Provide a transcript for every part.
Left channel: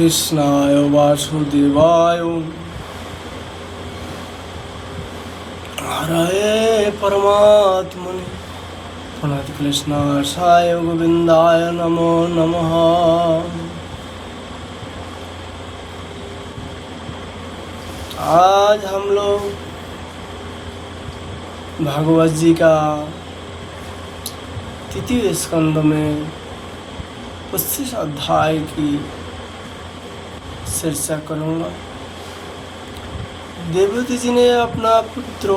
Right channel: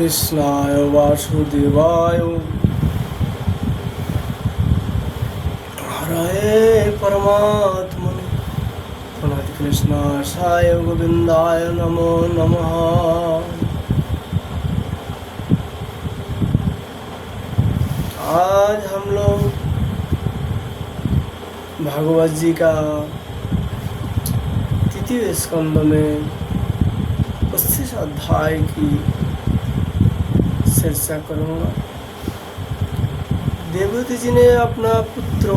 कृष्णाय वासुदेवाय हरे परमात्मने प्रणत कृष्णाय गोविंदाय नमो नमः। आज हम लोग भागवत जी का तृतीय स्कंद में 25 अध्याय की चर्चा करूँगा। देवहूति जी ने अपना पुत्र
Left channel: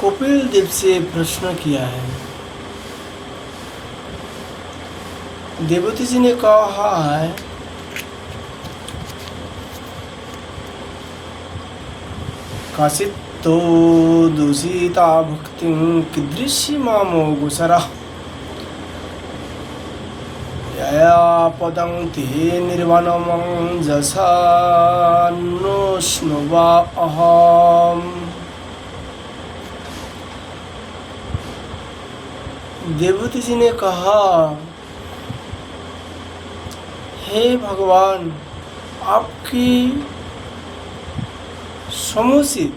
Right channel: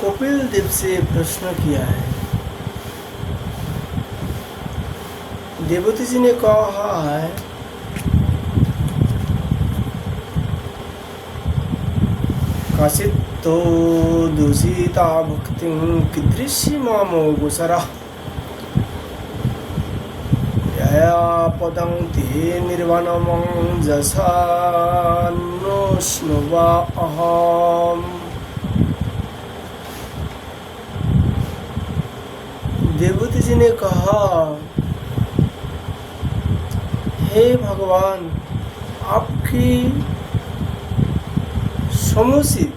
कपिल देव से प्रश्न किया है। देवहूति जी ने कहा है, काचित्तो दूषिता भक्तिं कीदृशी मामो गोचरा यया पदं ते निर्वाणं जसान्नोष्णुवा अहम्। देवहूति जी ने कहा, हे भगवान, आपकी समुचित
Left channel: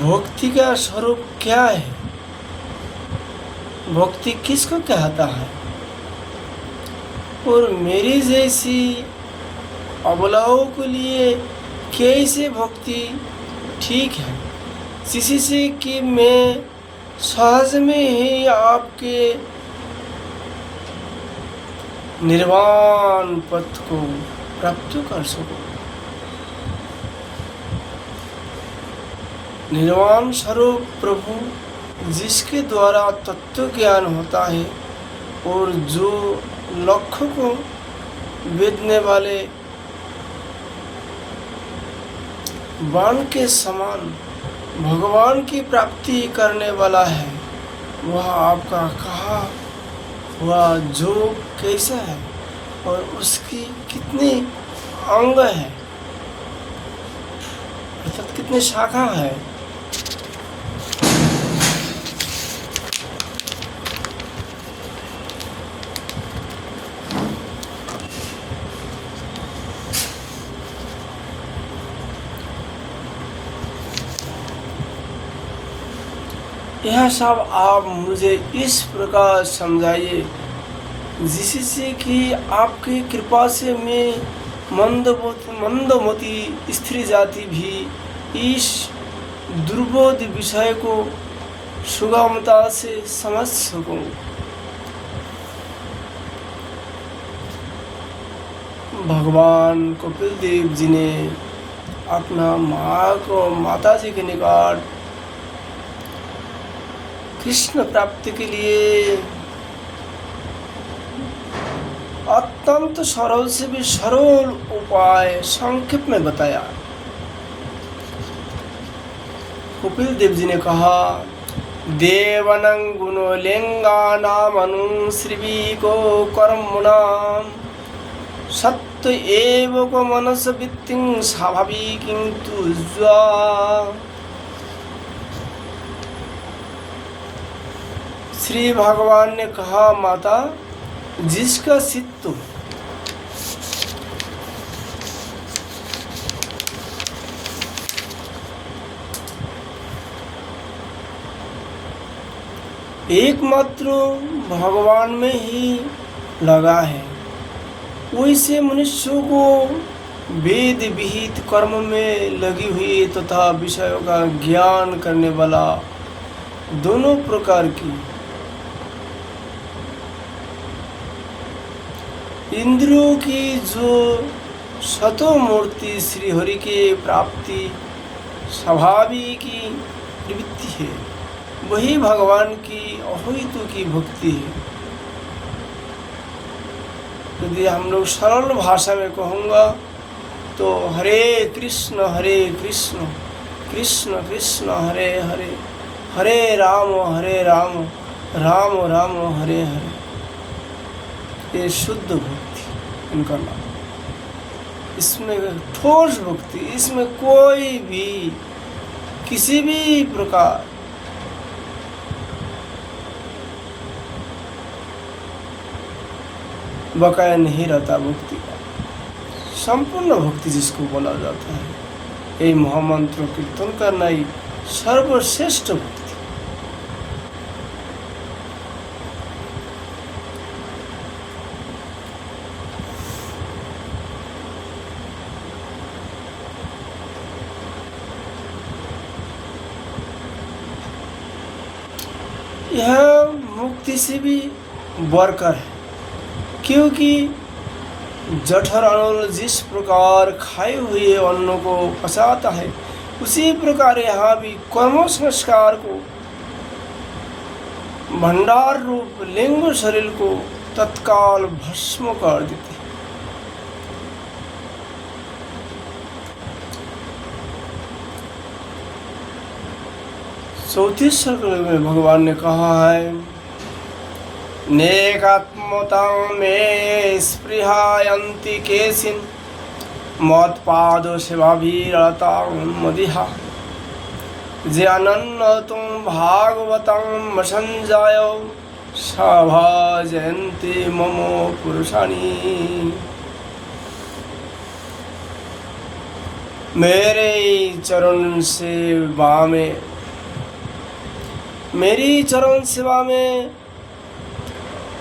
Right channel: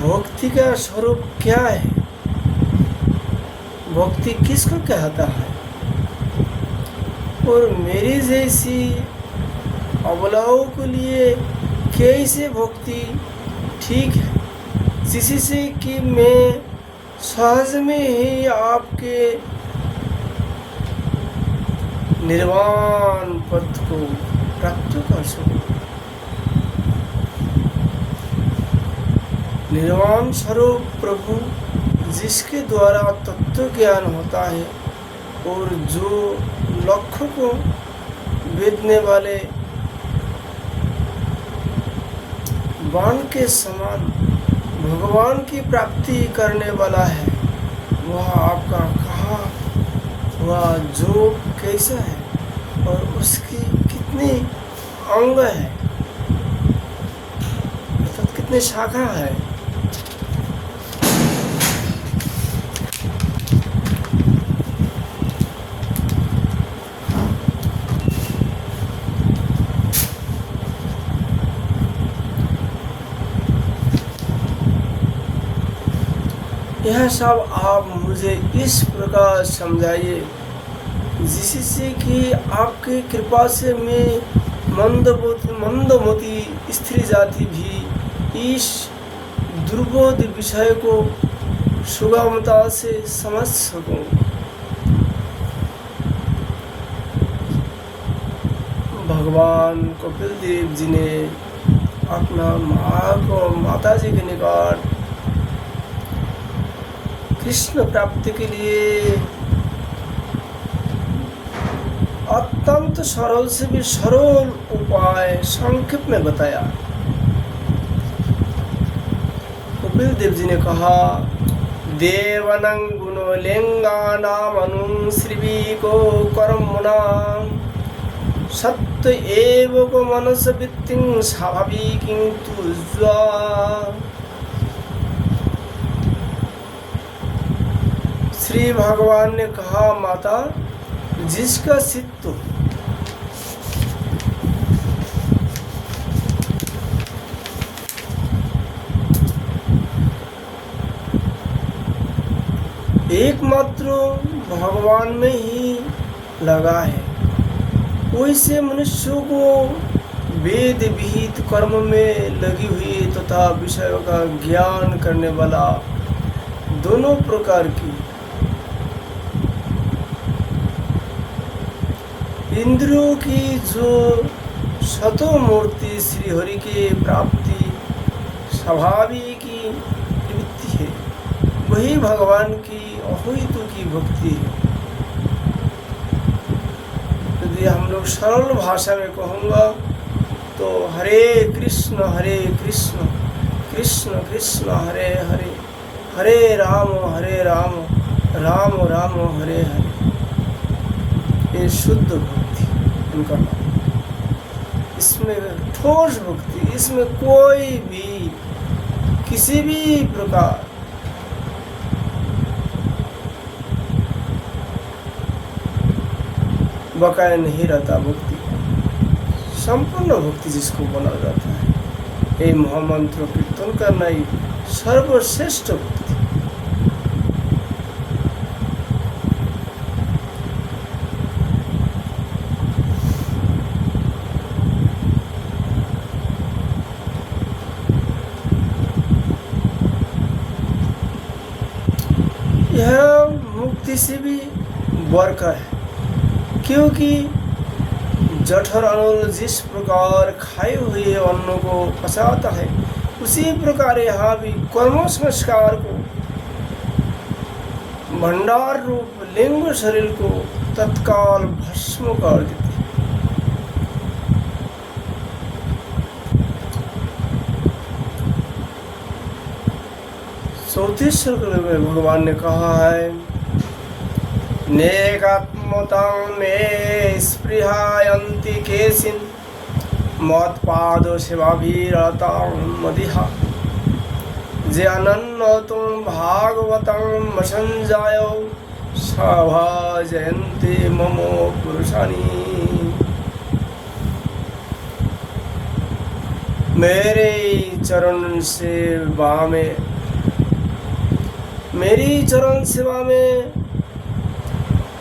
भक्ति का स्वरूप क्या है? भक्ति किसको कहता है? और मेरी जैसी अबलाओं के लिए कैसे भक्ति ठीक है, जिससे कि मैं सहज में ही आपके निर्वाण पथ को प्राप्त कर सकूं। निर्वाण स्वरूप प्रभु, जिसके द्वारा तत्व ज्ञान होता है और जो लक्ष्य को भेदने वाले बाण के समान भगवान की प्राप्ति करने वाला है, वह आपका कहा हुआ जो कैसा है और उसकी कितनी अंग है, अर्थात कितनी शाखा है। यह सब आप मुझे इस प्रकार समझाइए जिससे कि आपकी कृपा से मैं मंदमती स्त्री जाति भी इस दुर्बोध विषय को सुगमता से समझ सकूं। भगवान कपिल देव जी ने अपना माता जी के निकट कृष्ण प्राप्ति के लिए अत्यंत सरल से भी सरल उपाय संक्षेप में बताया। कपिल देव जी ने कहा, देवनं गुणलिंगानां श्रीविको कर्मणां सत्य एव को मनस वृत्तिं स्वाभाविकीं तुज्वा। श्री भगवान ने कहा, माता, जिसका चित्त एकमात्र भगवान में ही लगा है, वैसे मनुष्यों को वेद विहित कर्म में लगी हुई तथा विषयों का ज्ञान करने वाला दोनों प्रकार की इंद्रियों की जो सतो मूर्ति श्री हरि के प्राप्ति स्वाभाविक की प्रवृत्ति है, वही भगवान की अद्वैत की भक्ति है। यदि हम लोग सरल भाषा में कहूँगा तो हरे कृष्ण कृष्ण कृष्ण हरे हरे, हरे राम राम राम हरे हरे, ये शुद्ध भक्ति उनका नाम। इसमें ठोस भक्ति, इसमें कोई भी किसी भी प्रकार बकाया नहीं रहता। भक्ति संपूर्ण भक्ति जिसको बोला जाता है, ये महामंत्र कीर्तन करना ही सर्वश्रेष्ठ भक्ति। यह मुक्ति से भी बढ़कर है, क्योंकि जठर अनल जिस प्रकार खाए हुए अन्न को पचाता है, उसी प्रकार यहाँ भी कर्म संस्कार को भंडार रूप लिंग शरीर को तत्काल भस्म कर देते। चौथी सर्कल में भगवान ने कहा है, नेकात्मतां मे स्पृहायन्ति केशिन मत्पाद सेवाभिरतां मदिहा जे अनन्नतुं भागवतं संजायो सभाजयन्ते मम पुरुषाणि। मेरे चरण सेवा में, मेरी चरण सेवा में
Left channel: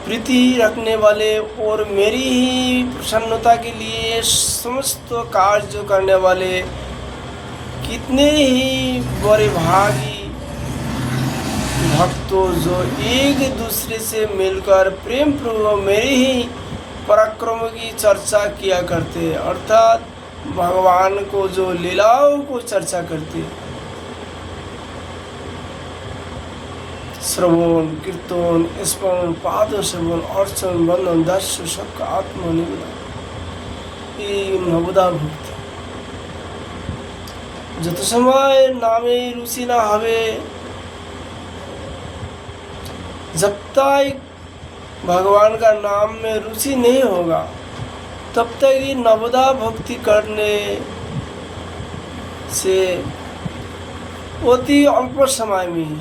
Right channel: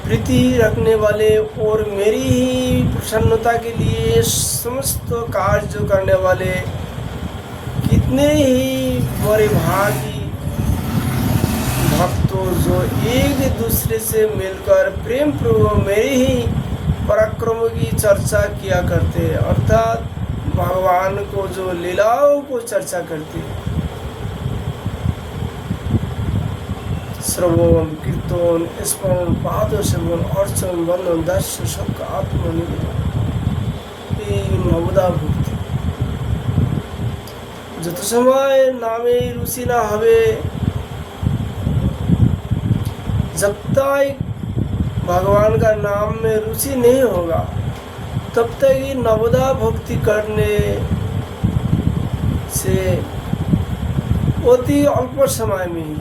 प्रीति रखने वाले और मेरी ही प्रसन्नता के लिए समस्त कार्य करने वाले कितने ही बड़े भागी भक्तों जो एक दूसरे से मिलकर प्रेम पूर्वक मेरे ही पराक्रम की चर्चा किया करते हैं, अर्थात भगवान को जो लीलाओं को चर्चा करते हैं। श्रवण कीर्तन स्मरण पाद सेवन अर्चन बंधन दर्शन सबका आत्मनिवेदन, ये नवदा भक्ति। जत समय नामे रुचि ना हवे, जब तक भगवान का नाम में रुचि नहीं होगा, तब तक ये नवदा भक्ति करने से अति अल्प समय में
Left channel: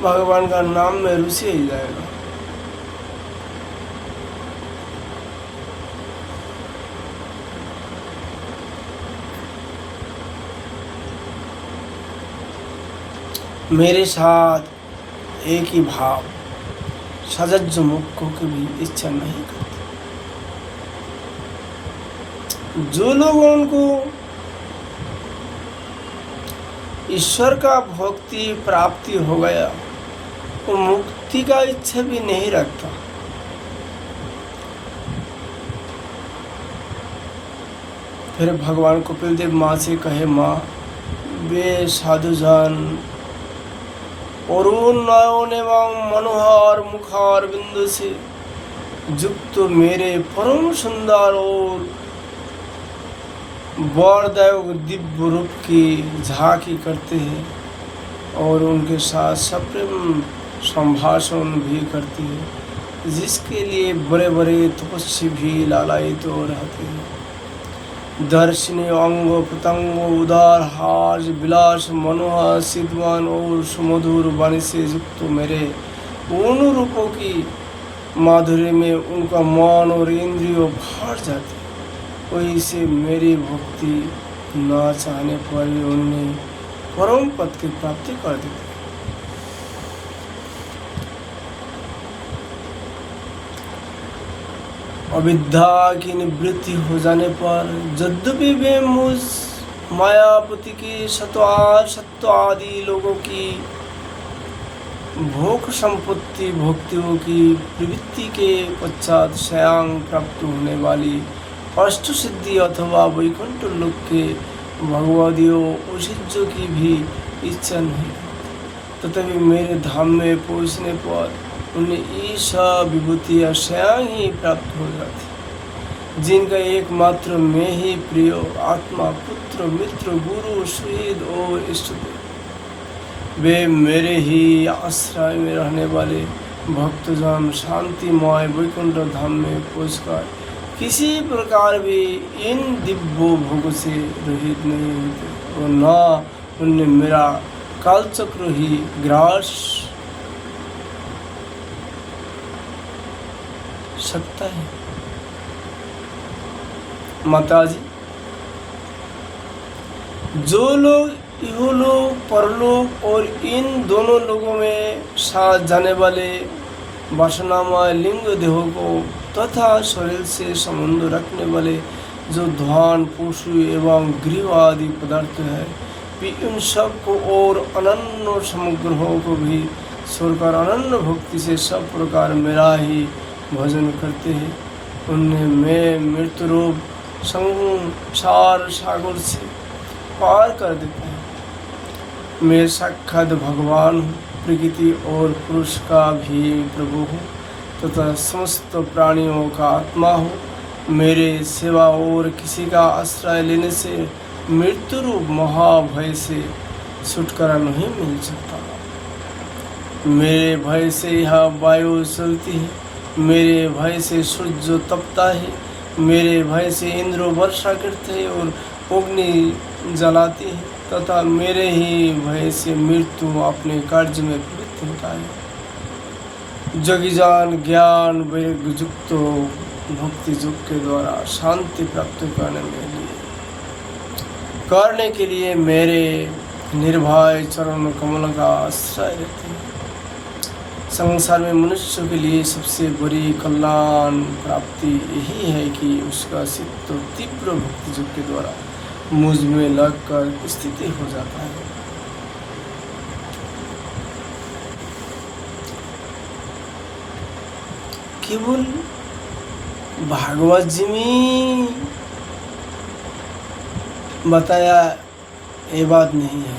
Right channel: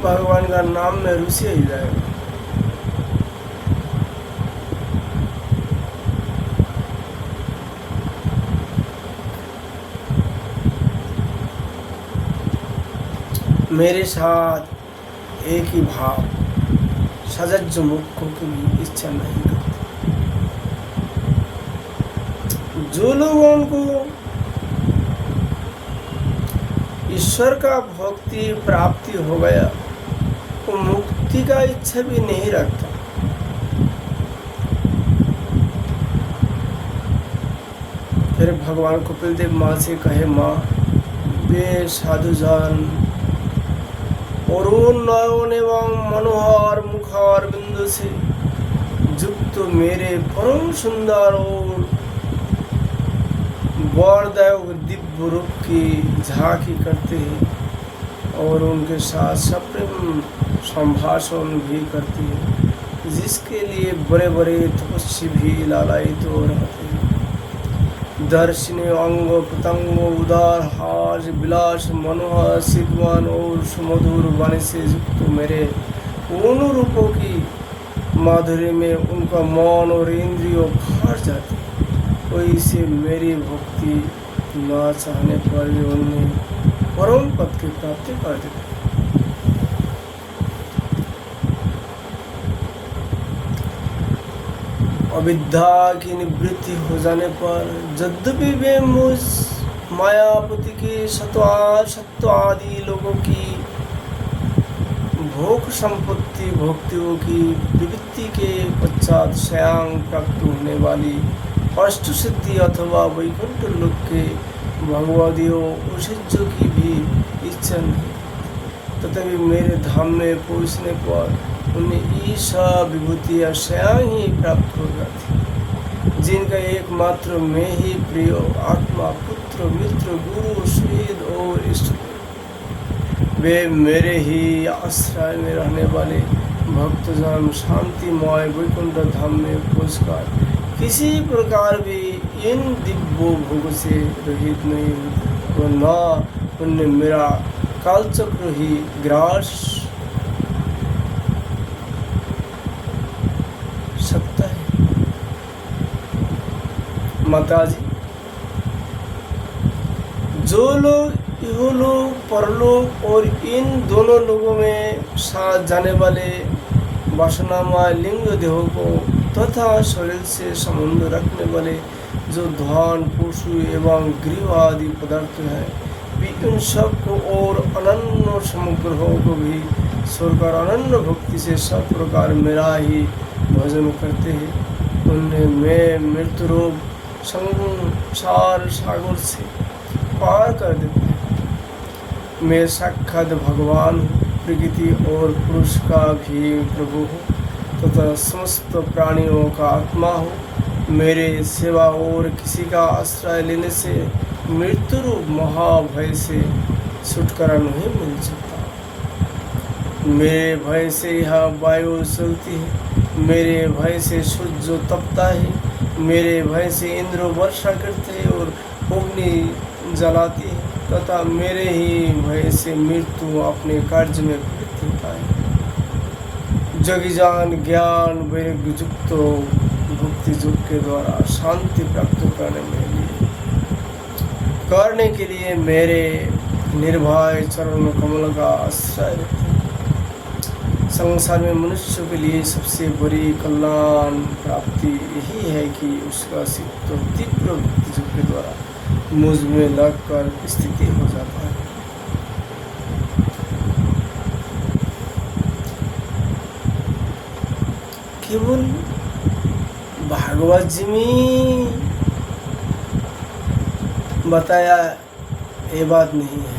भगवान का नाम में रुचि ही जाएगा। मेरे साथ एक ही भाव सजज मुख की भी इच्छा नहीं करते। जो लोग उनको ईश्वर का भक्ति प्राप्ति हो गया, वो मुक्ति का इच्छा भी नहीं रखता। फिर भगवान कपिल देव माँ से कहे, माँ वे साधुजन अरुण नयन एवं मनोहर मुखार बिंदु से युक्त मेरे परम सुंदर और वरदायक दिव्य रूप की झांकी करते हैं और उनके साथ सप्रेम संभाषण भी करते हैं, जिसके लिए बड़े बड़े तपस्वी भी लालायित तो रहते हैं। दर्शनी अंग प्रत्यंग उदार हास विलास मनोहर सिद्धवान और सुमधुर वाणी से युक्त मेरे उन रूपों की माधुर्य में उनका मन और इंद्रियों भर जाते। कोई से मेरी भक्ति ना चाहने पर उन्हें परम पद की प्राप्ति कर देते। अविद्या की निवृत्ति हो जाने पर यद्यपि वे मुझ मायापति के सत्व आदि लोगों की भोग संपत्ति भोक्तियों की प्रवृत्ति के पश्चात स्वयं प्राप्त होने वाली अष्ट सिद्धि अथवा वैकुंठ लोक के भगवदियों औषधियों की भी इच्छा नहीं, तथापि मेरे धाम में पहुँचने पर उन्हें ईशा विभूतियाँ स्वयं ही प्राप्त हो जाती, जिनका एकमात्र मैं ही प्रिय आत्मा पुत्र मित्र गुरु शहीद और इष्ट, वे मेरे ही आश्रय में रहने वाले भक्तजन शांतिमय वैकुंठ धाम में पहुंचकर किसी प्रकार भी इन दिव्य भोग से रहित नहीं होते और न उन्हें मेरा कालचक्र ही ग्रास सकता है। माताजी, जो लोग इहलोक परलोक और इन दोनों लोगों में साथ जाने वाले वासनामय लिंग देहों को तथा शरीर से संबंध रखने वाले जो धन पशु एवं गृह आदि पदार्थ है, वे इन सब को और अनन्य समग्रहों को भी छोड़कर अनन्य भक्ति से सब प्रकार मेरा ही भजन करते हैं। उन्हें मैं मृत्यु रूप संसार सागर से पार कर देते हैं। मैं साक्षात भगवान हूँ, प्रकृति और पुरुष का भी प्रभु हूँ तथा समस्त प्राणियों का आत्मा हूँ। मेरे सेवा और किसी का आश्रय लेने से मृत्यु रूप महाभय से छुटकारा नहीं मिल सकता। मेरे भय से यह वायु चलती है, मेरे भय से सूर्य तपता है, मेरे भय से इंद्र वर्षा करते हैं और अग्नि जलाती है तथा मेरे ही भय से मृत्यु अपने कार्य में प्रवृत्त होता है। जगीजान ज्ञान वैराग्य युक्त भक्ति योग के द्वारा शांति प्राप्त करने के लिए मेरे निर्भय चरण कमल का आश्रय रहते हैं। संसार में मनुष्य के लिए सबसे बड़ी कल्याण प्राप्ति यही है कि उसका चित्त तीव्र भक्ति योग के द्वारा मुझ में लगकर स्थिति हो जाता है। केवल भागवत जी में बताया ये बात नहीं है,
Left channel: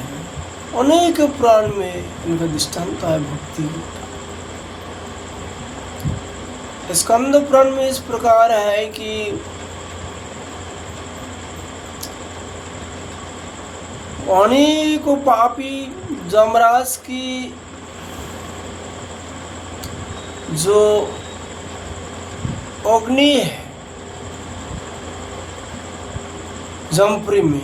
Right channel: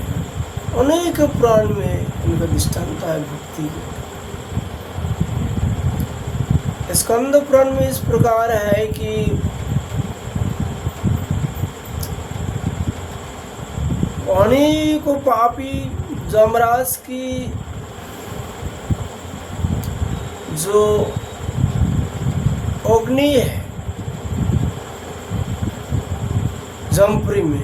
अनेक पुराण में इनका दृष्टांत है भक्ति। स्कंद पुराण में इस प्रकार है कि अनेक पापी जमराज की जो अग्नि है जमपुरी में,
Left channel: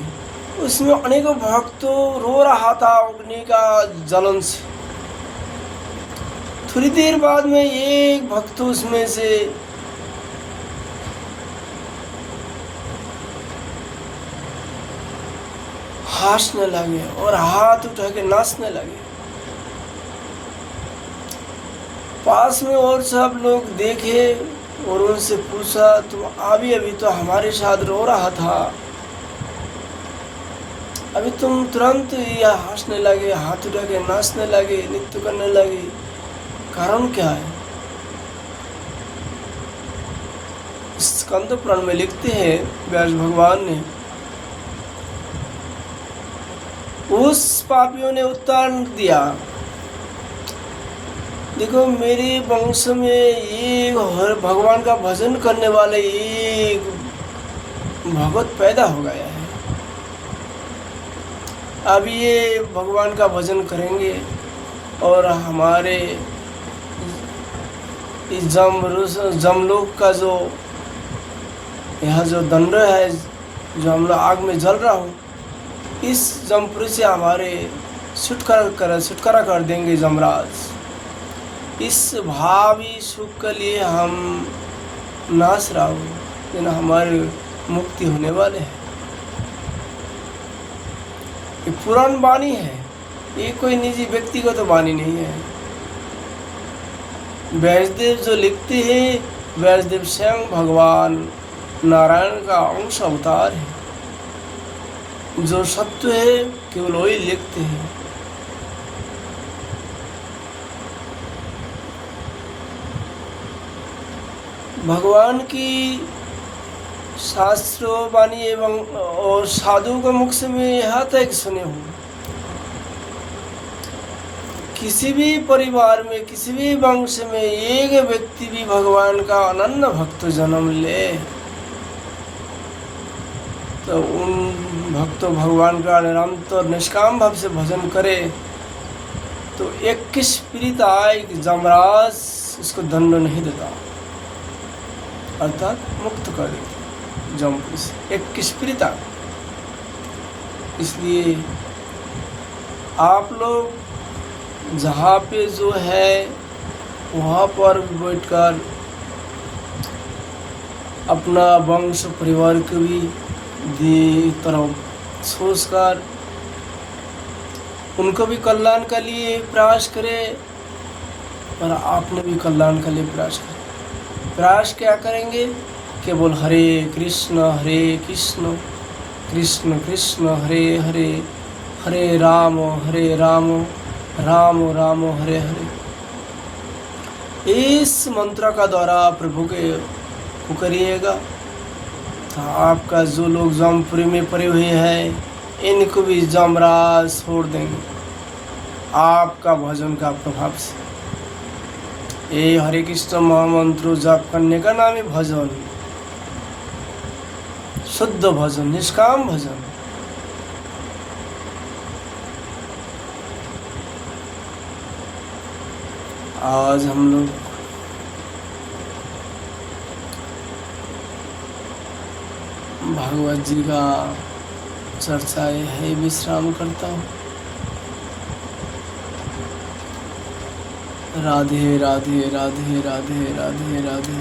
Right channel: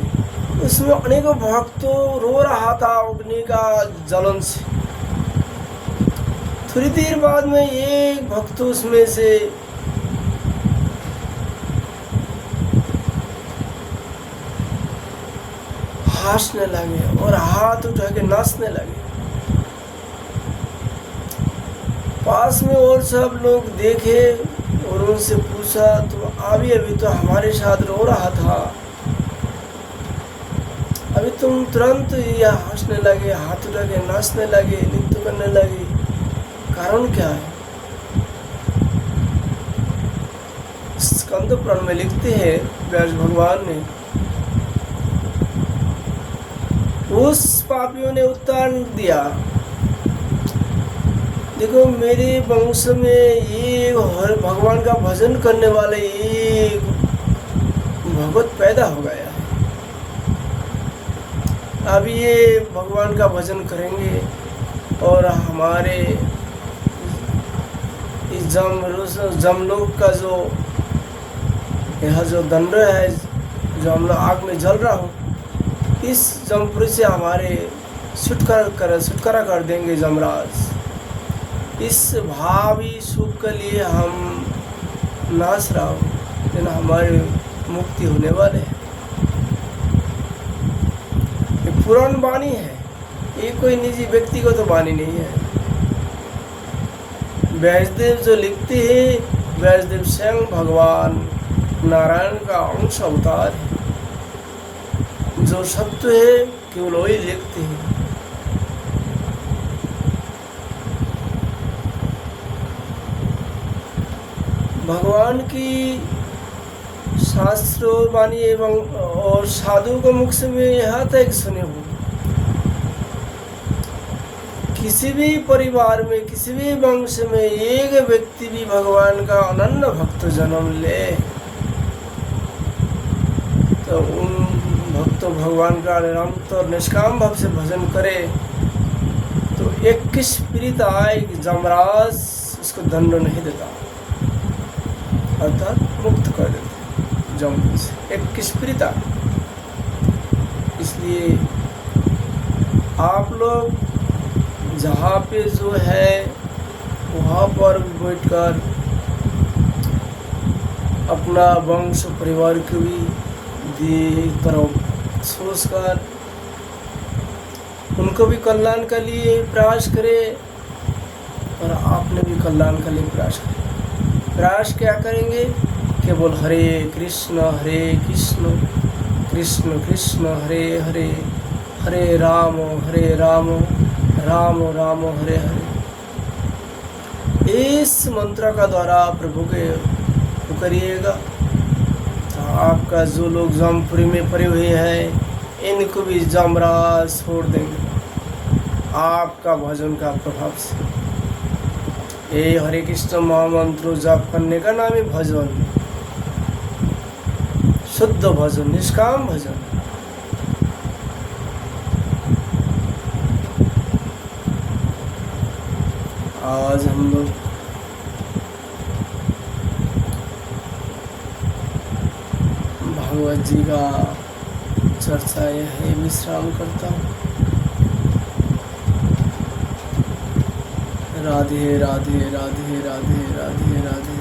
उसमें अनेकों भक्त रो रहा था अग्नि का जलन से। थोड़ी देर बाद में एक भक्त उसमें से हंसने लगे और हाथ उठा के नाचने लगे। पास में और सब लोग देखे और उनसे पूछा, तुम अभी तो हमारे साथ रो रहा था, अभी तुम तुरंत या हंसने लगे, हाथ उठा के नाचने लगे, नृत्य करने लगे, कारण क्या है? स्कंद पुराण में लिखते हैं व्यास भगवान ने, उस पापियों ने उत्तर दिया, देखो मेरे वंश में ये भगवान का भजन करने वाले एक भगत पैदा हो गया है। अब ये भगवान का भजन करेंगे और हमारे इस जमलोक का जो यह जो दंड है, जो हम लोग आग में जल रहा हूँ, इस जमपुरी से हमारे छुटकारा कर देंगे जमराज। इस भावी सुख के लिए हम नाच रहा हूँ, लेकिन हमारे मुक्ति होने वाले हैं। ये पुराण वाणी है, ये कोई निजी व्यक्तिगत तो वाणी नहीं है। व्यासदेव जो लिखते हैं, व्यासदेव स्वयं भगवान नारायण का अंश अवतार है। जो सत्य है केवल वही लिखते हैं। भगवान की शास्त्र वाणी एवं और साधु का मुख से मैं यहाँ तक सुने हूँ, किसी भी परिवार में, किसी भी वंश में एक व्यक्ति भी भगवान का अनन्य भक्त जन्म ले तो उन भक्तों भगवान का निरंतर निष्काम भाव से भजन करे तो 21 पीड़ित आए कि जमराज उसको दंड नहीं देता, अर्थात मुक्त कर देता जम से 21 पीड़ित। इसलिए आप लोग जहाँ पे जो है वहाँ पर बैठकर अपना वंश परिवार को भी तरफ सोचकर उनको भी कल्याण के लिए प्रयास करें और आपने भी कल्याण के लिए प्रयास करें। प्रयास क्या करेंगे? केवल हरे कृष्ण कृष्ण कृष्ण हरे हरे, हरे राम राम राम हरे हरे। इस मंत्र का द्वारा प्रभु के करिएगा तो आपका जो लोग जमपुरी में पड़े हुए हैं इनको भी जमराज छोड़ देंगे आपका भजन का प्रभाव से। ये हरे कृष्ण महामंत्र जाप करने का नाम है भजन, शुद्ध भजन, निष्काम भजन। आज हम लोग भागवत जी का चर्चा यह है, विश्राम करता हूँ। राधे राधे राधे राधे राधे राधे।